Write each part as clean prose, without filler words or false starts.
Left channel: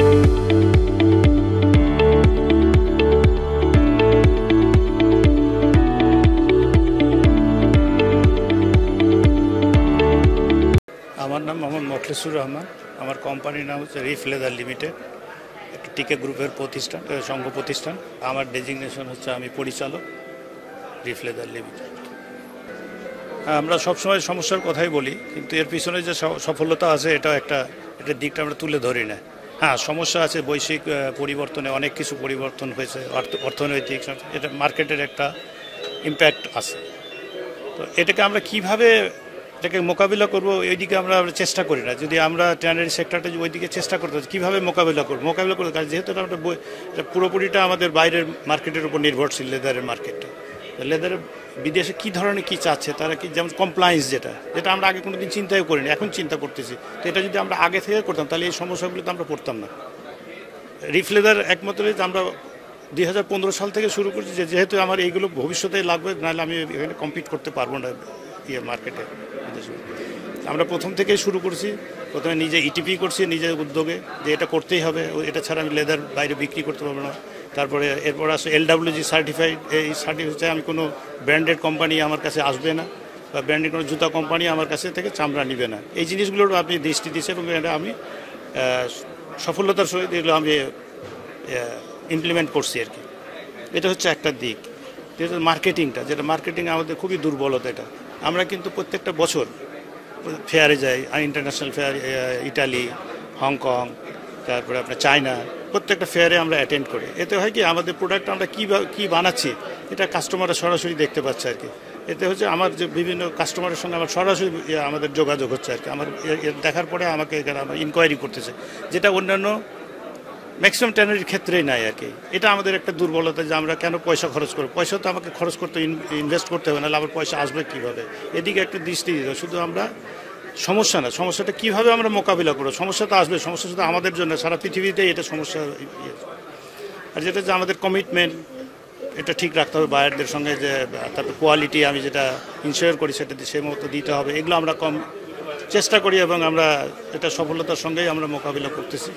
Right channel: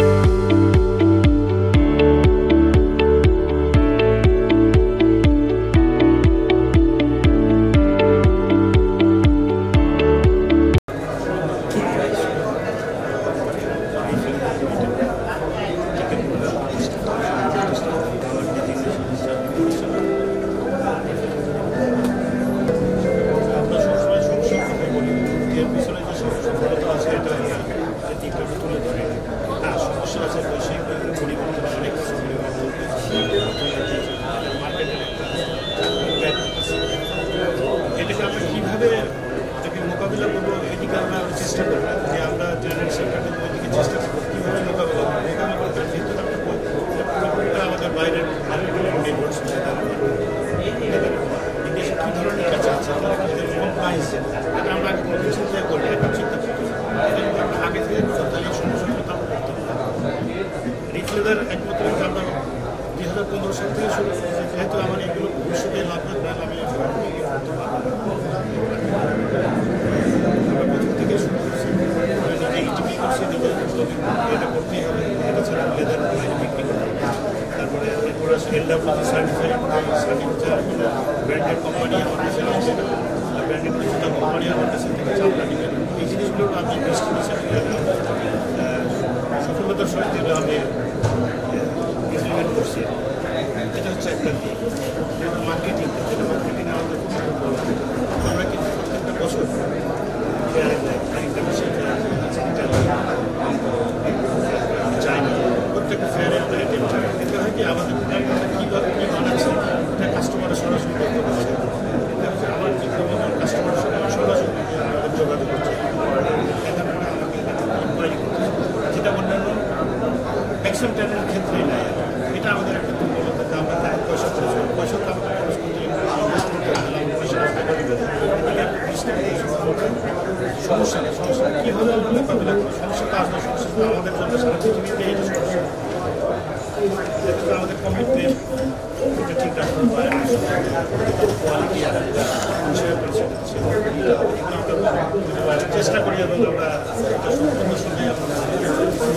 আমার ডেজিগনেশন হচ্ছে আমি পরিচালক রিফ্লেক্টার লিমিটেড। আমরা সবসময় সমস্যার কথাই বলি, কিন্তু এর পিছনে যে সফলতা আছে এটা একটা দিকটা আমরা তুলে ধরি না। হ্যাঁ, সমস্যা আছে, বৈশ্বিক পরিবর্তনে অনেক কিছু পরিবর্তন হয়েছে, অর্থনৈতিক এটা মার্কেটের একটা ইম্প্যাক্ট আছে। এটাকে আমরা কীভাবে এটাকে মোকাবিলা করবো এইদিকে আমরা চেষ্টা করি না। যদি আমরা ট্যানারি সেক্টরটা ওইদিকে চেষ্টা করবো কীভাবে মোকাবিলা করতে পারি, যেহেতু আমরা পুরোপুরিটা আমাদের বাইরের মার্কেটের উপর নির্ভরশীল। লেদারের মার্কেট, লেদার বিদেশে কী ধরনের কী চাচ্ছে তারা, কি যেমন কমপ্লায়েন্স যেটা আমরা আগে কোনোদিন চিন্তাই করি না, এখন চিন্তা করতেছি। এটা যদি আমরা আগে থেকে করতাম তাহলে এই সমস্যাগুলো তো আমরা করতাম না। রিফ্লেদার একমাত্র আমরা 2015 সাল থেকে শুরু করছি, যেহেতু আমার এইগুলো ভবিষ্যতে লাগবে, নাহলে আমি এখানে কমপ্লিট করতে পারবো না মার্কেটে। আমরা প্রথম থেকেই শুরু করছি, প্রথমে নিজে ইটিপি করছি নিজের উদ্যোগে, এটা করতেই হবে, এটা ছাড়া আমি লেদার বাইরে বিক্রি করতে পারবো না। তারপরে এরপর আসে LWG সার্টিফাইড। এই সার্টিফিকেটে আমি কোনো ব্র্যান্ডেড কোম্পানি আমার কাছে আসবে না, বা ব্র্যান্ডেড কোনো জুতা কোম্পানি আমার কাছে থেকে চামড়া নেবে না। এই জিনিসগুলোর আপনি দৃষ্টি দিচ্ছেন, এটা আমি সফলতার সহিত এগুলো আমি ইমপ্লিমেন্ট করছি। এটা হচ্ছে একটা দিক। যেটা মার্কেটিংটা, যেটা মার্কেটিং আমাদের খুবই দুর্বলতা। এটা আমরা কিন্তু প্রত্যেকটা বছর ফেয়ারে যাই, ইন্টারন্যাশনাল ফেয়ার, ইটালি, হংকং, তারপরে আমরা চায়না, প্রত্যেকটা ফেয়ারে আমরা অ্যাটেন্ড করি। এতে হয় কি, আমাদের প্রোডাক্ট আমরা কী বানাচ্ছি এটা কাস্টমাররা সরাসরি দেখতে পাচ্ছে আর কি। এতে হচ্ছে আমার যে বিভিন্ন কাস্টমারের সঙ্গে আমার সরাসরি আমাদের যোগাযোগ হচ্ছে আর কি। আমার দেখার পরে আমাকে এখানে ইনকোয়ারি করতেছে, যেটা অন্যান্য ম্যাক্সিমাম ট্যানারির ক্ষেত্রেই নাই আর কি। এটা আমাদের একটা দুর্বলতা, যে আমরা কেন পয়সা খরচ করবো। পয়সা তো আমাকে খরচ করতে, ইনভেস্ট করতে হবে, নাহলে আমার পয়সা আসবে। এদিকে একটা দৃষ্টি দিতে, শুধু আমরা সমস্যা না, সমস্যাটা কীভাবে আমরা মোকাবিলা করবো। সমস্যা তো আসবে, সমস্যা শুধু আমাদের জন্য, সারা পৃথিবীতে এটা সমস্যা। আর যেটা হচ্ছে আমাদের কমিটমেন্ট, এটা ঠিক রাখতে হবে বায়ারদের সঙ্গে, যে কোয়ালিটি আমি যেটা ইনশিওর করি সেটাতে সে মধ্যে দিতে হবে। এগুলো আমরা কম চেষ্টা করি এবং আমরা এটা সফলতার সঙ্গেই আমরা মোকাবিলা করতেছি।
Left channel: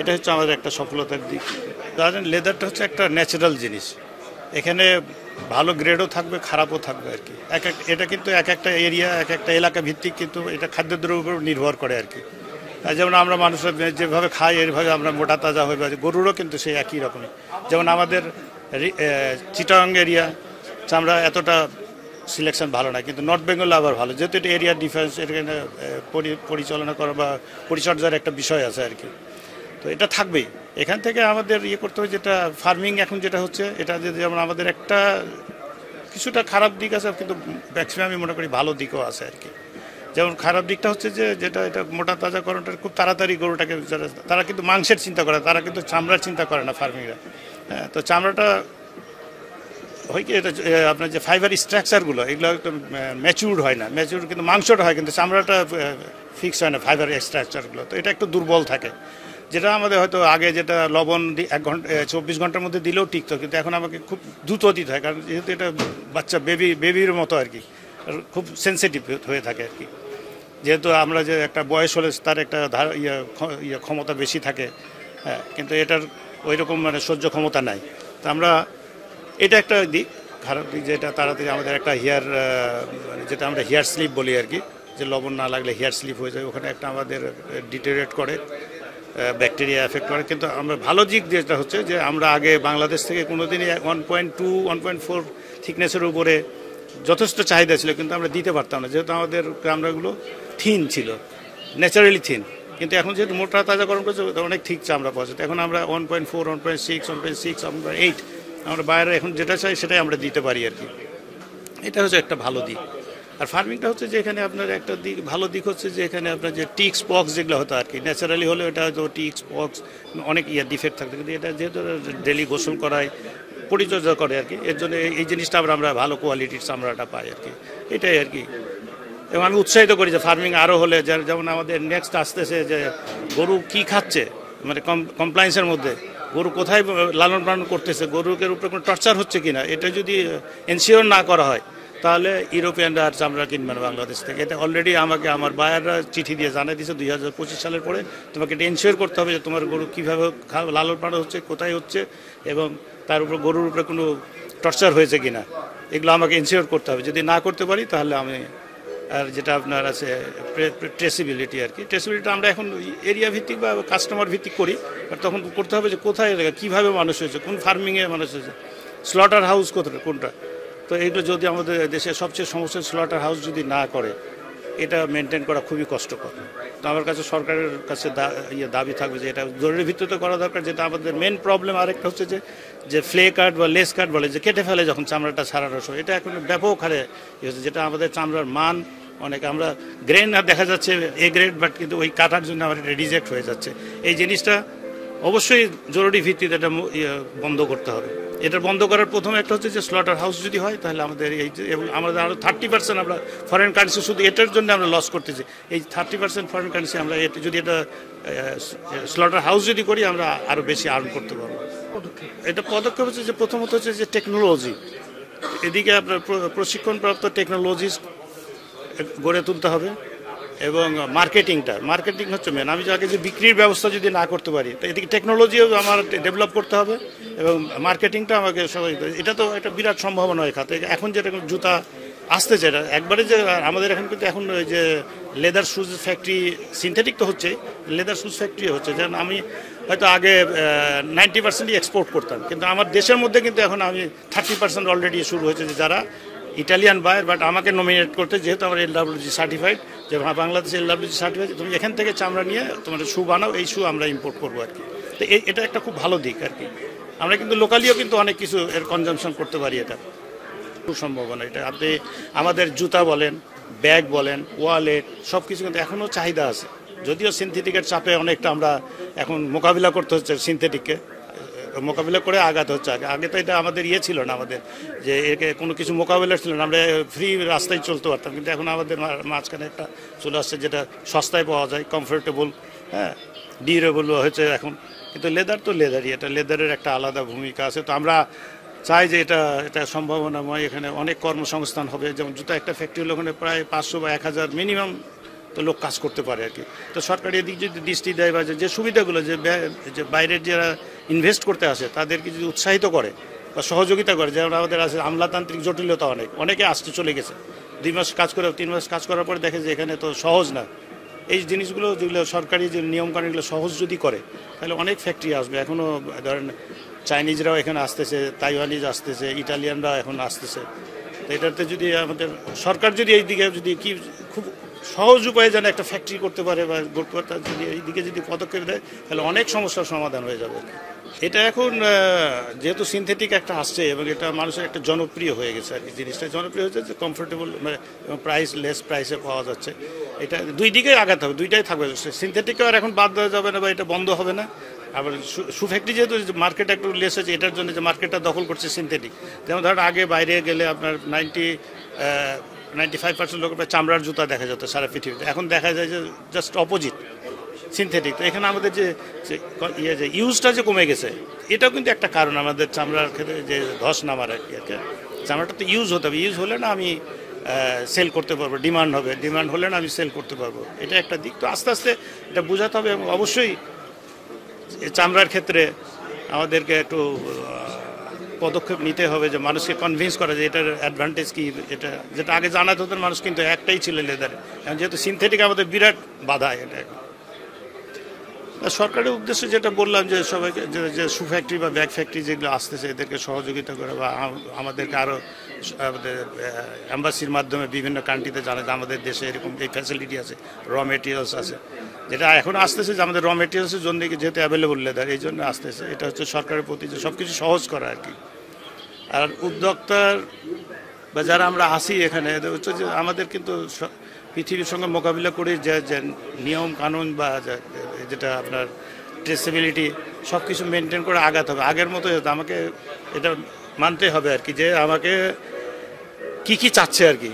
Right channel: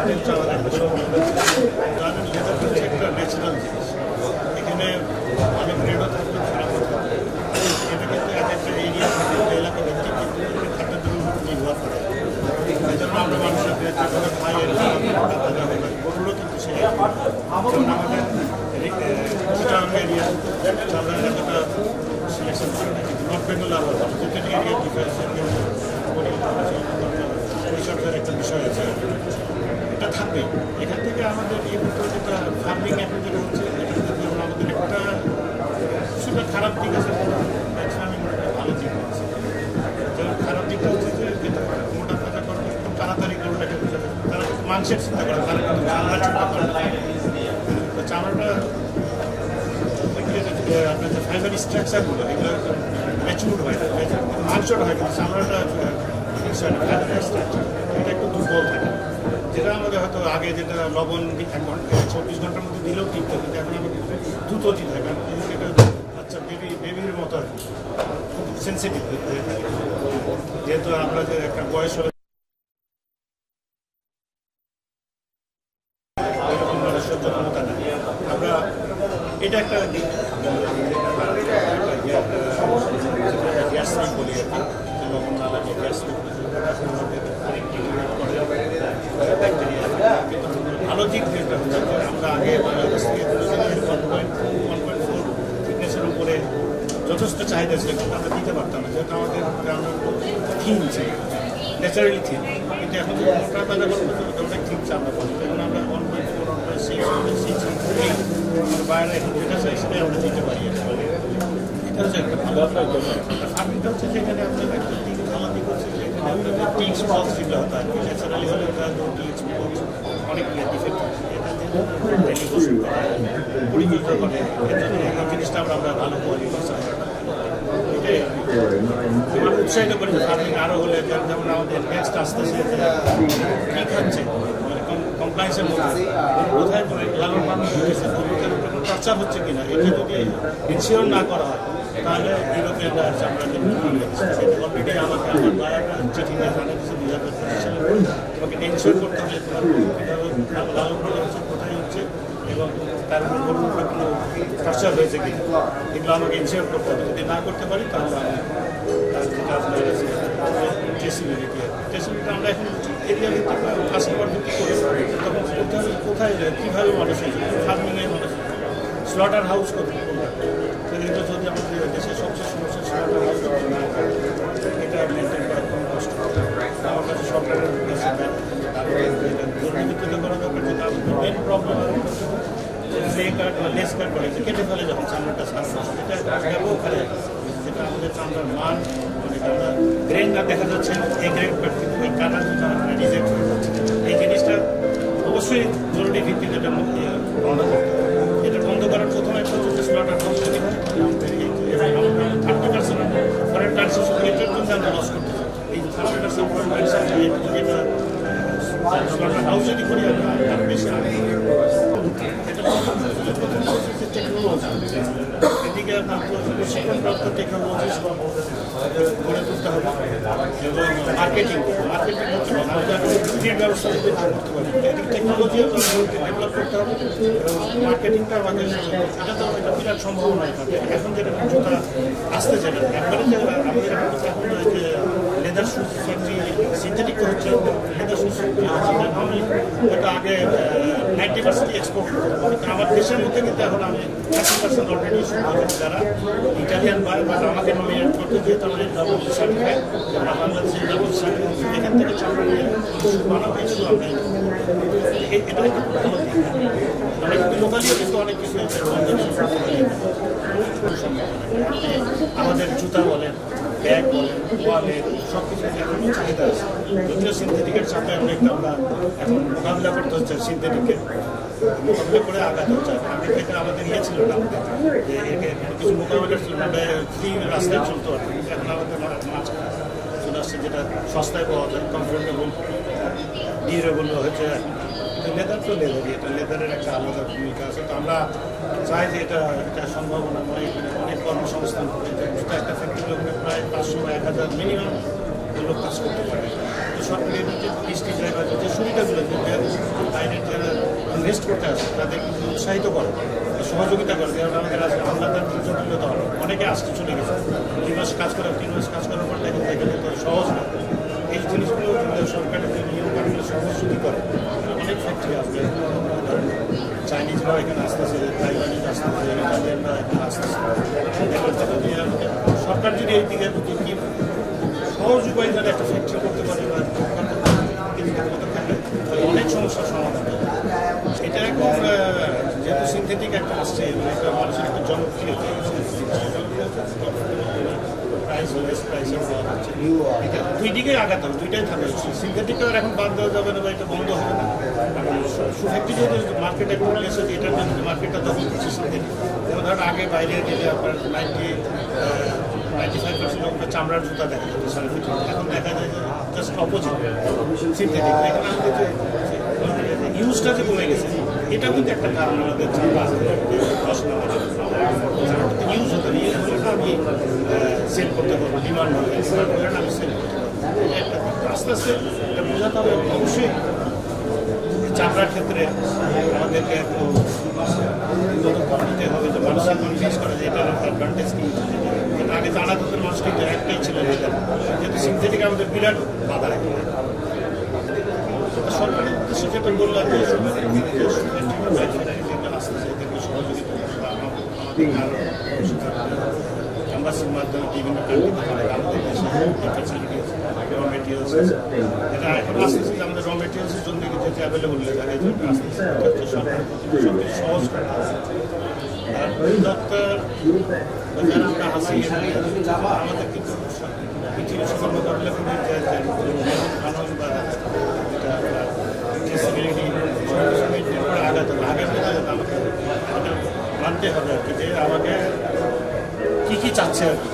এটা হচ্ছে আমাদের একটা সফলতা। ধরেন লেদারটা হচ্ছে একটা ন্যাচারাল জিনিস, এখানে ভালো গ্রেডও থাকবে, খারাপও থাকবে। এটা কিন্তু এক একটা এরিয়া, এক একটা এলাকা ভিত্তিক কিন্তু এটা খাদ্যদ্রব্যের উপর নির্ভর করে আর কি। যেমন আমরা মানুষের যেভাবে খাই এরভাবে আমরা মোটা তাজা হয়ে পারি, গরুরও কিন্তু সেই একই রকম। যেমন আমাদের চিটাগাং এরিয়া চামড়া এতটা সিলেকশন ভালো না, কিন্তু নর্থ বেঙ্গল আবার ভালো, যেহেতু এটা এরিয়া ডিফারেন্স, এখানে পরিচালনা করা বা পরিচর্যার একটা বিষয় আছে। এটা থাকবে, এখান থেকে আমাদের করতে হবে। যেটা ফার্মিং এখন যেটা হচ্ছে, এটা যেমন আমাদের একটা কিছুটা খারাপ দিক আছে, কিন্তু ম্যাক্সিমাম আমি মনে করি ভালো দিকও আছে। যেমন খারাপ দিকটা হচ্ছে যে যেটা এটা মোটা তাজা করাটা খুব তাড়াতাড়ি গরুটাকে, তারা কিন্তু মাংসের চিন্তা করে, তারা কিন্তু চামড়ার চিন্তা করে না ফার্মিং। তো চামড়াটা হয় কি, এটা আপনার যে ফাইবার স্ট্রাকচারগুলো এগুলো একটু ম্যাচিউর হয় না, ম্যাচিউর কিন্তু মাংসটা হয়, কিন্তু চামড়াটা ফিক্স হয় না ফাইবার স্ট্রাকচারগুলো। তো এটা একটু দুর্বল থাকে, যেটা আমাদের হয়তো আগে যেটা লবণ 1 ঘন্টা 24 ঘন্টার মধ্যে দিলেও টিকতো, কিন্তু এখন আমাকে খুব দ্রুত দিতে হয়, কারণ যেহেতু এটা বাচ্চা বেবির মতো আর কি, খুব সেন্সিটিভ হয়ে থাকে আর কি। যেহেতু আমরা যে একটা বয়স হলে তার একটা ক্ষমতা বেশি থাকে, হ্যাঁ, কিন্তু এটার ওই রকম মানে সহ্য ক্ষমতা নাই। আমরা এটা একটা দিক, যেটা তাড়াতাড়ি আমাদের একটা যেটা আমরা হেয়ার স্লিপ বলি আর কি, যে লবণ না লাগলে হেয়ার স্লিপ হয়ে যায়, ওখানে একটা আমাদের ডিটেরিয়েট করে, ব্যাকটেরিয়া এফেক্ট করে। কিন্তু আমরা ভালো দিক যেটা হচ্ছে যে আমরা আগে বাংলাদেশ থেকে কোনো দিনই 1.2 1.4 থিকনেসের উপরে যথেষ্ট চাহিদা ছিল, কিন্তু আমরা দিতে পারতাম না, যেহেতু আমাদের চামড়াগুলো থিন ছিল, ন্যাচারালি থিন। কিন্তু এখন যেহেতু মোটা তাজা গরম করছে, অনেক ঠিক চামড়া পাওয়া যায়। এখন আমরা 1.4 1.6 1.6 1.8 আমরা বাইরে এখন যেটা চাই সেটাই আমরা দিতে পারি আর কি। এটা হচ্ছে একটা ভালো দিক। আর ফার্মিংটা হচ্ছে যে এখানে আপনার একটা দিক, ভালো দিক হচ্ছে যে এখানে আপনার যে টিক্স পক্স যেগুলো হতো আর কি, ন্যাচারালি হলে ওটা টিক্স পক্স অনেক ডিফেক্ট থাকে, এটা যেহেতু ডেলি গোসল করায়, পরিচর্যা করে আর কি, এর জন্য এই জিনিসটা আমরা ভালো কোয়ালিটির চামড়াটা পাই আর কি। এটাই আর কি। এবং আমি উৎসাহিত করি যে ফার্মিং আরও হলে, যেমন আমাদের নেক্সট আসতেছে যে গরু কী খাচ্ছে, মানে কমপ্লায়েন্সের মধ্যে গরু কোথায় লালন পালন করতেছে, গরুদের উপরে কোনো টর্চার হচ্ছে কিনা, এটা যদি এনশিওর না করা হয় তাহলে ইউরোপিয়ানরা আর চামড়া কিনবে না বাংলাদেশ থেকে। এটা অলরেডি আমাকে আমার বায়াররা চিঠি দিয়ে জানিয়ে দিয়েছে 2025 সালের পরে তোমাকে এনশিওর করতে হবে যে তোমার গরু কীভাবে লালন পালন হচ্ছে, কোথায় হচ্ছে, এবং তার উপরে গরুর উপরে কোনো টর্চার হয়েছে কিনা, এগুলো আমাকে এনশিওর করতে হবে। যদি না করতে পারি তাহলে আমি আর যেটা আপনার আছে ট্রেসিবিলিটি আর কি, ট্রেসিবিলিটি আমরা এখন এরিয়া ভিত্তিক বা কাস্টমার ভিত্তিক করি, তখন করতে হবে যে কোথায় কীভাবে মানুষ হয়েছে, কোন ফার্মিংয়ে মানুষ হয়েছে, স্লটার হাউস কোনটা। তো এইটা যদি আমাদের দেশের সবচেয়ে সমস্যা স্লটার হাউস যদি না করে, এটা মেনটেন করা খুবই কষ্ট। তো আমার কাছে সরকারের কাছে দাবি থাকবে যে এটা জরুরি ভিত্তিতে করা দরকার। যেটা আমাদের মেন প্রবলেম আরেকটা হচ্ছে যে ফ্লে কাট বা লেস কাট বলে, যে কেটে ফেলে যখন চামড়াটা ছাড়ানোর সময়, এটা এখন ব্যাপক হারে যেটা আমাদের চামড়ার মান অনেক, আমরা গ্রেন না দেখা যাচ্ছে এ গ্রেড, বাট কিন্তু ওই কাটার জন্য আমাদের রিজেক্ট হয়ে যাচ্ছে। এই জিনিসটা অবশ্যই জরুরি ভিত্তিতে এটা বন্ধ করতে হবে। এটা বন্ধ করার প্রথমে একটা হচ্ছে যে স্লটার হাউস যদি হয়, তাহলে আমাদের আমাদের আরও 30% আমরা ফরেন কারেন্সি শুধু এটার জন্য আমরা লস করতেছি। এই 30% ফরেন কারেন্সি আমরা যদি এটা স্লটার হাউস যদি করি, আমরা আরও বেশি আর্ন করতে পারি। এটা পদক্ষেপ হচ্ছে যে প্রথম হচ্ছে যে টেকনোলজি, এদিকে আপনার প্রশিক্ষণপ্রাপ্ত টেকনোলজিস্ট গড়ে তুলতে হবে, এবং মার্কেটিং হচ্ছে মেন। আমি যাকে যে বিক্রির ব্যবস্থা যদি না করতে পারি, এদিকে টেকনোলজিও আমার ডেভেলপ করতে হবে, এবং মার্কেটিংটা আমাকে সবাই, এটা তো একটা বিরাট সম্ভাবনা এখানে। এখন যেটা জুতা আসতে, যেটা একবারে যে আমাদের এখন কিন্তু এখন ওই যে লেদার শুজ ফ্যাক্টরি, সিনথেটিক তো হচ্ছে, লেদার শুজ ফ্যাক্টরি হচ্ছে। যেমন আমি হয়তো আগে 90% এক্সপোর্ট করতাম, কিন্তু আমার দেশের মধ্যে কিন্তু এখন আমি 30% অলরেডি শুরু হয়েছে, যারা ইটালিয়ান বায়ার, বাট আমাকে নমিনেট করতে, যেহেতু আমার এলডব্লিউজি সার্টিফাইড, যে বাংলাদেশ এলডব্লিউজি সার্টিফাইড, এখান থেকে চামড়া নিয়ে তোমার শু বানাও, এই শু আমরা ইম্পোর্ট করবো। তো এটা একটা খুব ভালো দিক। আমরা কিন্তু লোকালিও কিন্তু অনেক কিছু কনজামশন করতে পারি, এটা খুব সম্ভাবনা। এটা আপনি আমাদের জুতা বলেন, ব্যাগ বলেন, ওয়ালে, সব কিছু এখনও চাহিদা আছে। যদিও সিনথেটিকের চাপে অনেকটা আমরা এখন মোকাবিলা করতে হচ্ছে, সিনথেটিককে মোকাবিলা করে আগাতে হচ্ছে। আগে তো এটা আমাদের ছিল না, আমাদের যে কোনো কিছু মোকাবিলা ছিল না, আমরা ফ্রি রাস্তায় চলতে পারতাম। কিন্তু এখন আমাদের মাঝখানে একটা চলে আসছে যেটা সস্তায় পাওয়া যায়, কমফোর্টেবল, হ্যাঁ, ডিউরেবল হয়েছে এখন। কিন্তু লেদার তো লেদারই, এটা লেদারের একটা আলাদা ভূমিকা আছে। তো আমরা চাই যে এটা সম্ভাবনাময়, এখানে অনেক কর্মসংস্থান হবে। যেমন জুতা একটা ফ্যাক্টরি ওখানে প্রায় 500 বা 1000 মিনিমাম লোক কাজ করতে পারে। তো সরকারি এদিক যদি দৃষ্টি দেয়, বা যে সুবিধাগুলো যে বাইরের যারা ইনভেস্ট করতে আসে তাদের কিছু উৎসাহিত করে বা সহযোগিতা করে, যেমন আমাদের আছে আমলাতান্ত্রিক জটিলতা অনেকে আসতে চলে গেছে, 2 মাস কাজ করে 3 মাস কাজ করার পর দেখে যে এখানে তো সহজ না। এই জিনিসগুলো যেগুলো সরকারি যে নিয়মকানুনগুলো সহজ যদি করে, তাহলে অনেক ফ্যাক্টরি আসবে। এখনও ধরেন চাইনিজরাও এখানে আসতেছে, তাইওয়ানিজ আসতেছে, ইটালিয়ানরাও এখন আসতেছে। এটাতে যদি আমাদের সরকার যদি এই দিকে যদি কি সহজ উপায়ে যেন একটা ফ্যাক্টরি করতে পারে, বা এইদিকে যদি পদক্ষেপ দেয়, তাহলে অনেক সমস্যার সমাধান হয়ে যাবে। এটা এখন যেহেতু সিনথেটিক একটা আসছে, এবং এটা মানুষের একটা জনপ্রিয় হয়ে গেছে, জিনিসটা জনপ্রিয় হচ্ছে, কমফোর্টেবল প্রাইস, লেস প্রাইসে পাওয়া যাচ্ছে। এটা দুই দিকেই আগাতে হবে, দুইটাই থাকবে। সিনথেটিকও আর এখন বাদ দেওয়া যাবে না, বা এটা বন্ধ হবে না। আবার শু ফ্যাক্টরি যেহেতু মার্কেট একটু লেস হয়েছে, এটার জন্য যে মার্কেটটা দখল করছে সিনথেটিক। যেমন ধরেন আগে বাইরে গেলে আপনার 95% লোক চামড়ার জুতা দেখা যেত সারা পৃথিবীতে, এখন দেখা যায় যে জাস্ট অপোজিট, সিনথেটিক। তো এখানে আমাদের যে ইউজটা যে কমে গেছে, এটাও কিন্তু একটা কারণ আমাদের চামড়ার ক্ষেত্রে যে ধস নামার আর কি। চামড়াটা তো ইউজ হতে হবে, ইউজ হলে না আমি সেল করতে পারবো, ডিমান্ড হবে, ডিমান্ড হলে না আমি সেল করতে পারবো। এটা একটা দিক। তো আস্তে আস্তে এটা বোঝাতে হবে, এবং অবশ্যই চামড়ার ক্ষেত্রে আমাদেরকে একটু পদক্ষেপ নিতে হবে, যে মানুষকে কনভিন্স করা যে এটার অ্যাডভান্টেজ কি। যেটা আগে জানাতে হতো মানুষ, কিন্তু একটাই ছিল লেদার, যেহেতু সিনথেটিক আমাদের বিরাট বাধা। এখানে সরকারের উদ্দেশ্যে যেটা বললাম, যে সবাই যে শু ফ্যাক্টরি বা ব্যাগ ফ্যাক্টরি যেগুলো আসতেছে, এদেরকে সহযোগিতা করে, বা আমাদেরকে আরও আমাদের এম্বাসির মাধ্যমে বিভিন্ন কান্ট্রিতে জানাতে, আমাদের দেশে এই ফ্যাসিলিটি আছে, র মেটেরিয়ালস আছে, যেটা এখন আসতেছে, যে আমাদের র মেটেরিয়ালসের জন্য যেহেতু অ্যাভেলেবল লেদার, এই জন্য আসতেছে। এটা হচ্ছে সরকারের প্রতি সব কিছু সহজ করা আর কি। আর উদ্যোক্তার বা যারা আমরা আসি এখানে, হচ্ছে যে আমাদের কিন্তু পৃথিবীর সঙ্গে মোকাবিলা করে যে নিয়ম কানুন বা যেটা আপনার ট্রেসিবিলিটি, সব কিছু মেনটেন করে আগাতে হবে। আগের মতো যাতে আমাকে এটা মানতে হবে আর কি, যে আমাকে কি চাচ্ছে আর কি।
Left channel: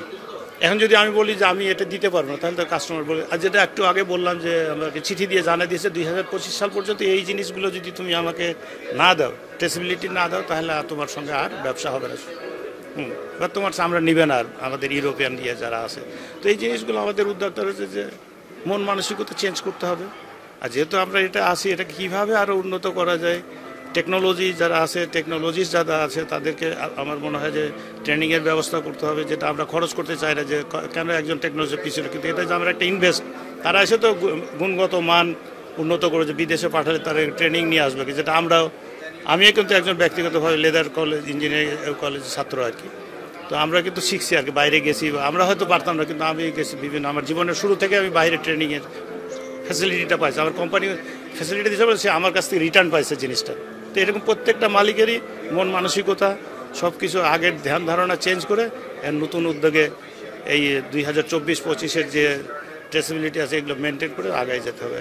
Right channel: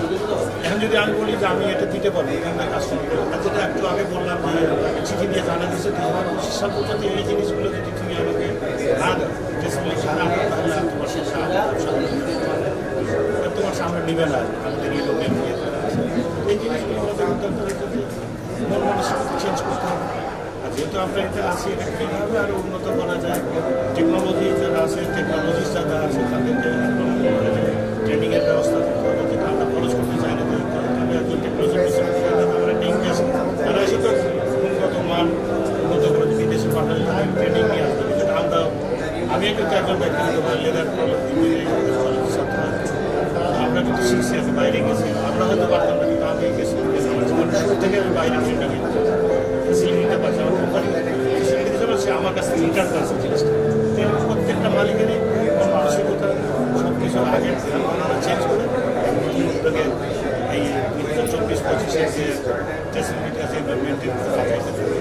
এখন যদি আমি বলি যে আমি এটা দিতে পারবো, তাহলে কাস্টমার বলে, আর যেটা একটু আগে বললাম যে আমাকে চিঠি দিয়ে জানিয়ে দিয়েছে 2025 সাল পর্যন্ত এই জিনিসগুলো যদি তুমি আমাকে না দাও, ট্রেসিবিলিটি না দাও, তাহলে তোমার সঙ্গে আর ব্যবসা হবে না। তোমার আমরা নিবে না, আমাদের ইউরোপিয়ান নিয়ে যারা আছে। তো এই জিনিসগুলো আমাদের উদ্যোগ হচ্ছে যে মন মানসিকতা চেঞ্জ করতে হবে। আর যেহেতু আমরা এটা আছি, এটা কীভাবে আরও উন্নত করা যায়, টেকনোলজি যারা আছে, টেকনোলজিস্ট যারা আছে তাদেরকে আমার মনে হয় যে ট্রেনিংয়ের ব্যবস্থা করতে হবে, যেটা আমরা খরচ করতে চাই না, যে কেন একজন টেকনোলজির পিছনে এটা আমরা একটা ইনভেস্ট। তারা এসে তো গুণগত মান উন্নত করে যে বিদেশে পাঠালে তারা ট্রেনিং নিয়ে আসবে, যেটা আমিও কিন্তু একজন ব্যক্তিগতভাবে লেদার কলেজ ইঞ্জিনিয়ারিং কলেজ ছাত্র আর কি। তো আমরা কিন্তু শিখছি আর কি, বাইরে গেছি, আমরা হয়তো পারতাম না, কিন্তু আমি গেছি বিভিন্ন, আমার জীবনের শুরু থেকে আমি বাইরে ট্রেনিংয়ের ফ্যাসিলিটিটা পাইছি, আমার কোম্পানি ফ্যাসিলিটি দিয়েছে, সে আমার কাছ থেকে রিটার্ন পাইছে জিনিসটা। তো এরকম প্রত্যেকটা মালিকেরই মন মানসিকতা সব কিছু আগের ধ্যান ধারণা চেঞ্জ করে নতুন উদ্যোগে এই 2024-25-এর যে ফ্যাসিলিটি আছে এগুলো মেনটেন করে আগায় যেতে হবে।